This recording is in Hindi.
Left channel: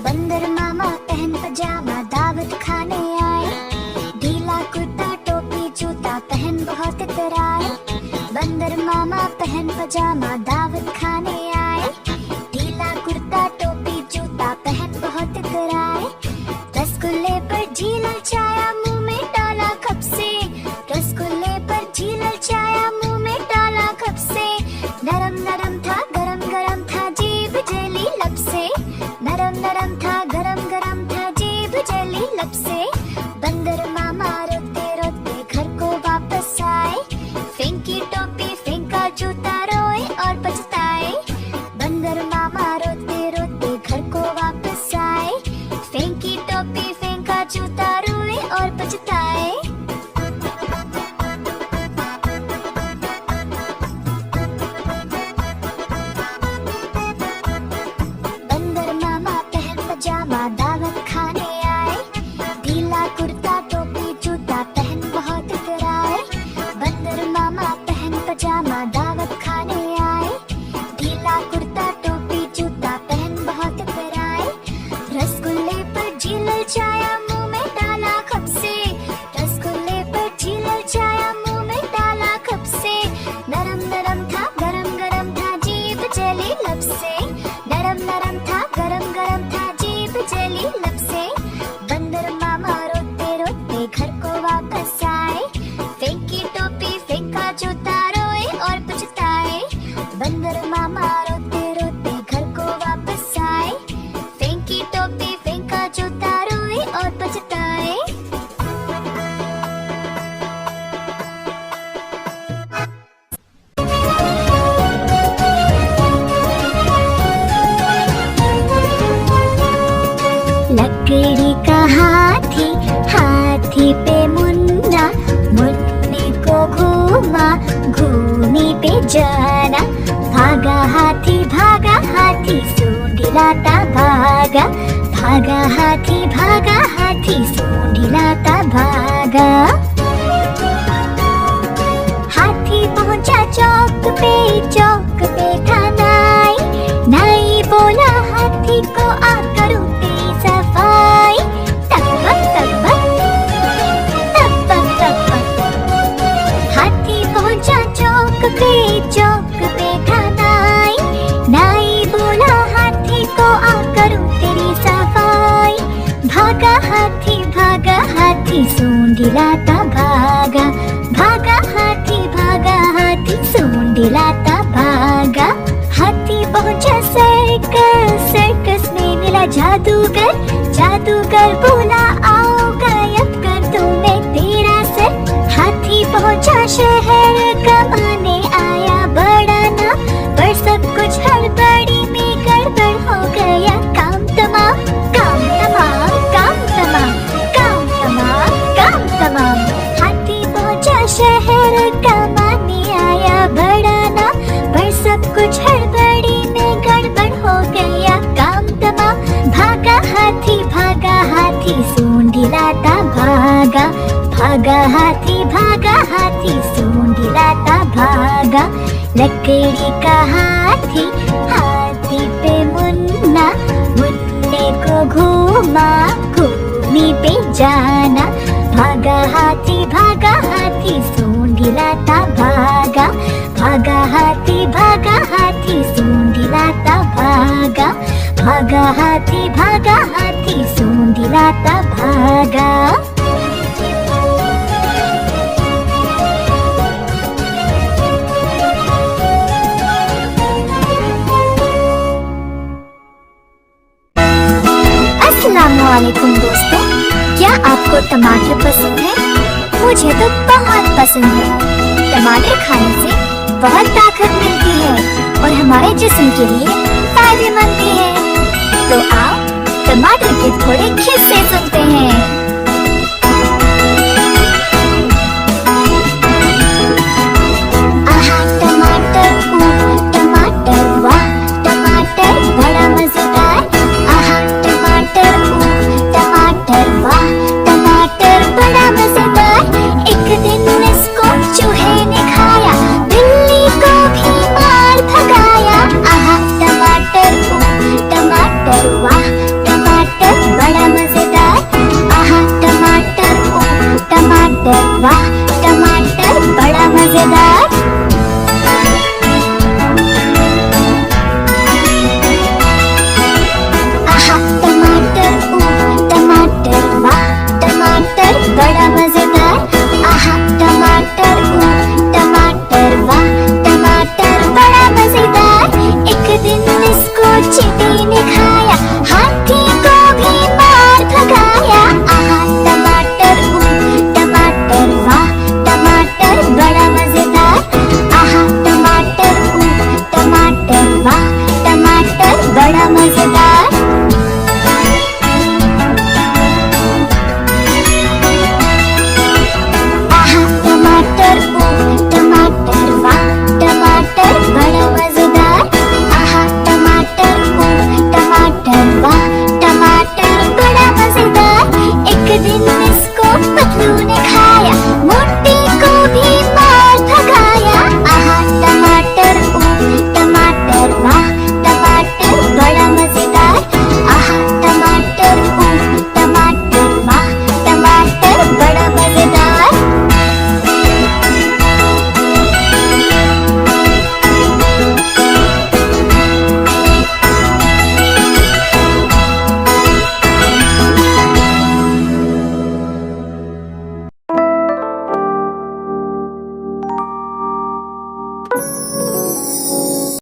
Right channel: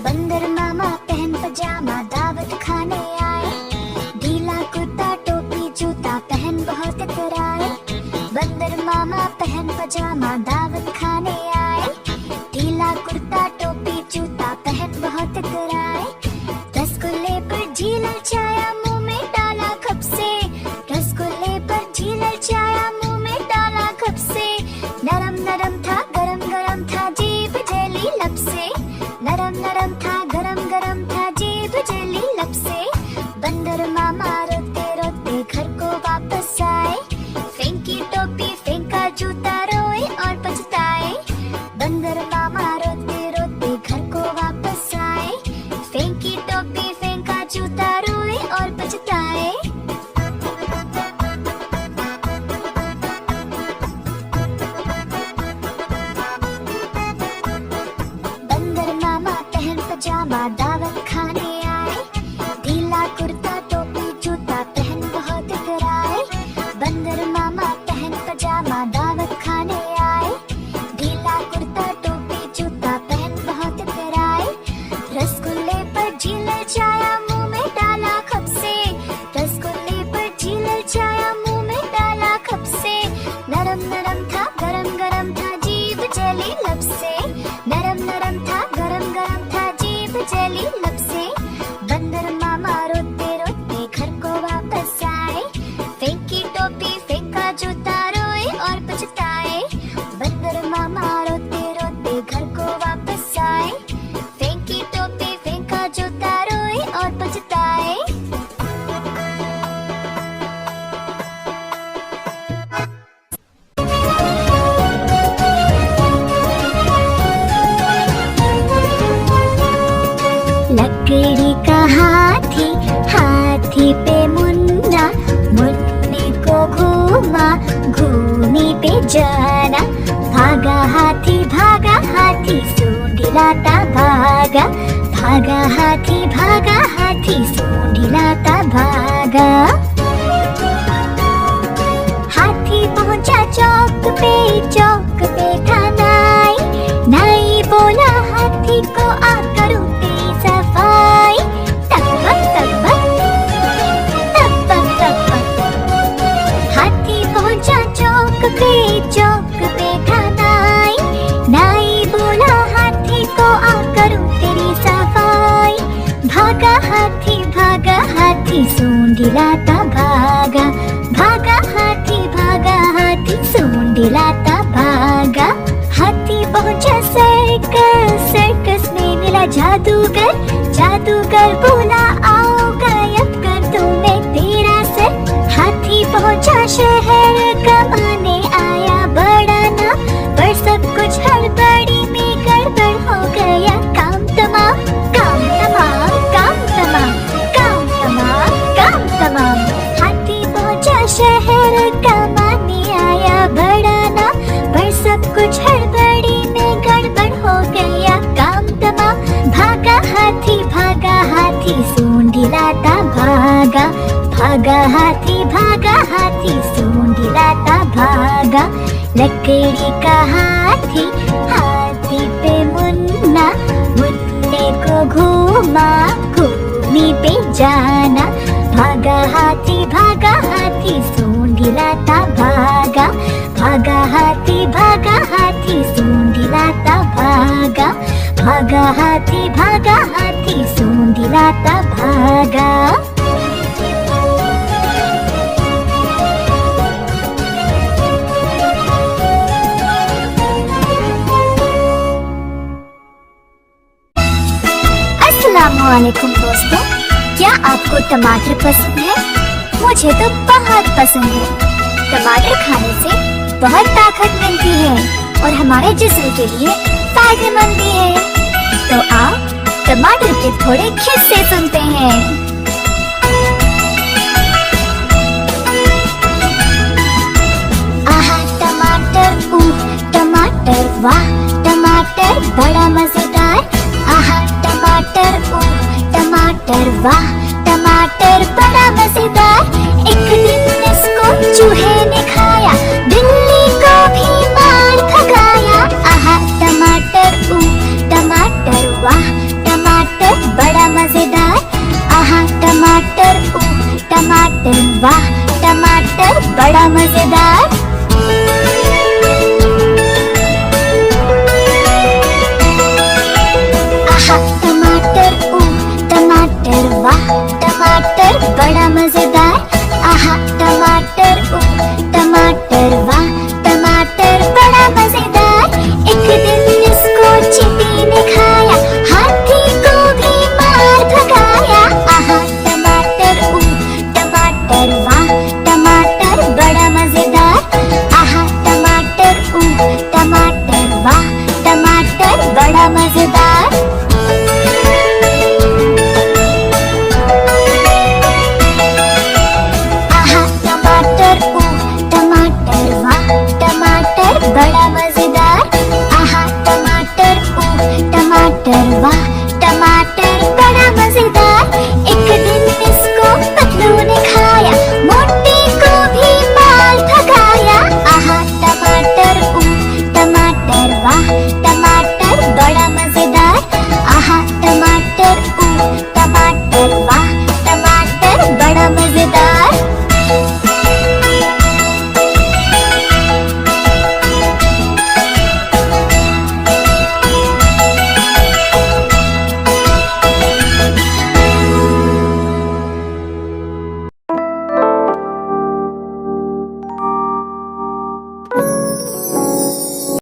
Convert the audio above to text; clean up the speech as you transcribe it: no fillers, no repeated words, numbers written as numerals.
बंदर मामा पहन पजामा दावत खाने आए, ढीला कुर्ता टोपी जूता पहन बहुत इतराए। बंदर मामा पहन पजामा दावत खाने आए, ढीला कुर्ता टोपी जूता पहन बहुत इतराए। रसगुल्ले पर झीला चाया मुंह में डाला कब से, रसगुल्ले पर झीला चाया मुंह में डाला कब से। नरम नरम था गरम गरम था जीभ जली लब से, नरम नरम था गरम गरम था जीभ जली लब से। बंदर मामा रोते रोते घर को वापस आए, फेंकी टोपी फेंका जूता रोए और पछताए। बंदर मामा रोते रोते घर को वापस आए, फेंकी टोपी फेंका जूता रोए और पछताए। बंदर मामा पहन पजामा दावत खाने आए, ढीला कुर्ता टोपी जूता पहन बहुत इतराए। बंदर मामा पहन पजामा दावत खाने आए, ढीला कुर्ता टोपी जूता पहन बहुत इतराए। रसगुल्ले पर झीलल चाया मुंह में डाला कब से, रसगुल्ले पर झीलल चाया मुंह में डाला कब से। नरम नरम था गरम गरम था जीभ जली लब से, नरम नरम था गरम गरम था जीभ जली लब से। बंदर मामा रोते रोते घर को वापस आए, फेंकी टोपी फेंका जूता रोए और पछताए। बंदर मामा रोते रोते घर को वापस आए, फेंकी टोपी फेंका जूता रोए और पछताए। लकड़ी का हाथी हाथी पे मुन्ना, मुन्ने को घूमा घूमी पे जाना। भागा हाथी सूंड लाता भागा, भागा हाथी सूंड लाता भागा। हाथी पहुंचा चौक पे था नाई, नाई बोला हाथी को आ करूं तेरी सफाई। तक हाथी पहुंचा चौक पे था नाई, नाई बोला हाथी को आ करूं तेरी सफाई। भागा हाथी सूंड लाता भागा, भागा हाथी सूंड लाता भागा। हाथी पहुंचा सर्कस में मिला जादूगर, जादूगर बोला आओ गायब कर दूं मैं तेरा सर। हाथी पहुंचा शहर कमाने आया बड़ा ना, पर सब कुछ हड़बड़ी में गड़बड़ हो गया। काम तमाम हाथी पहुंचा शहर कमाने आया बड़ा ना, पर सब कुछ हड़बड़ी में गड़बड़ हो गया। काम तमाम भागा हाथी सूंड लाता भागा, भागा हाथी सूंड लाता भागा। लकड़ी का हाथी हाथी पे मुन्ना, मुन्ने को घूमा घूमी पे जाना। भागा हाथी सूंड लाता भागा, भागा हाथी सूंड लाता भागा। भागा हाथी सूंड लाता भागा। अस्सलामुअलैकुम दोस्तों, क्या आपको टमाटर पसंद है? मुझे तो बहुत पसंद है। टमाटर खाने से बहुत ताकत मिलती है और हमारे जिस्म के लिए फायदेमंद भी है। तो आप टमाटर के थोड़े किस्से सुनते हैं।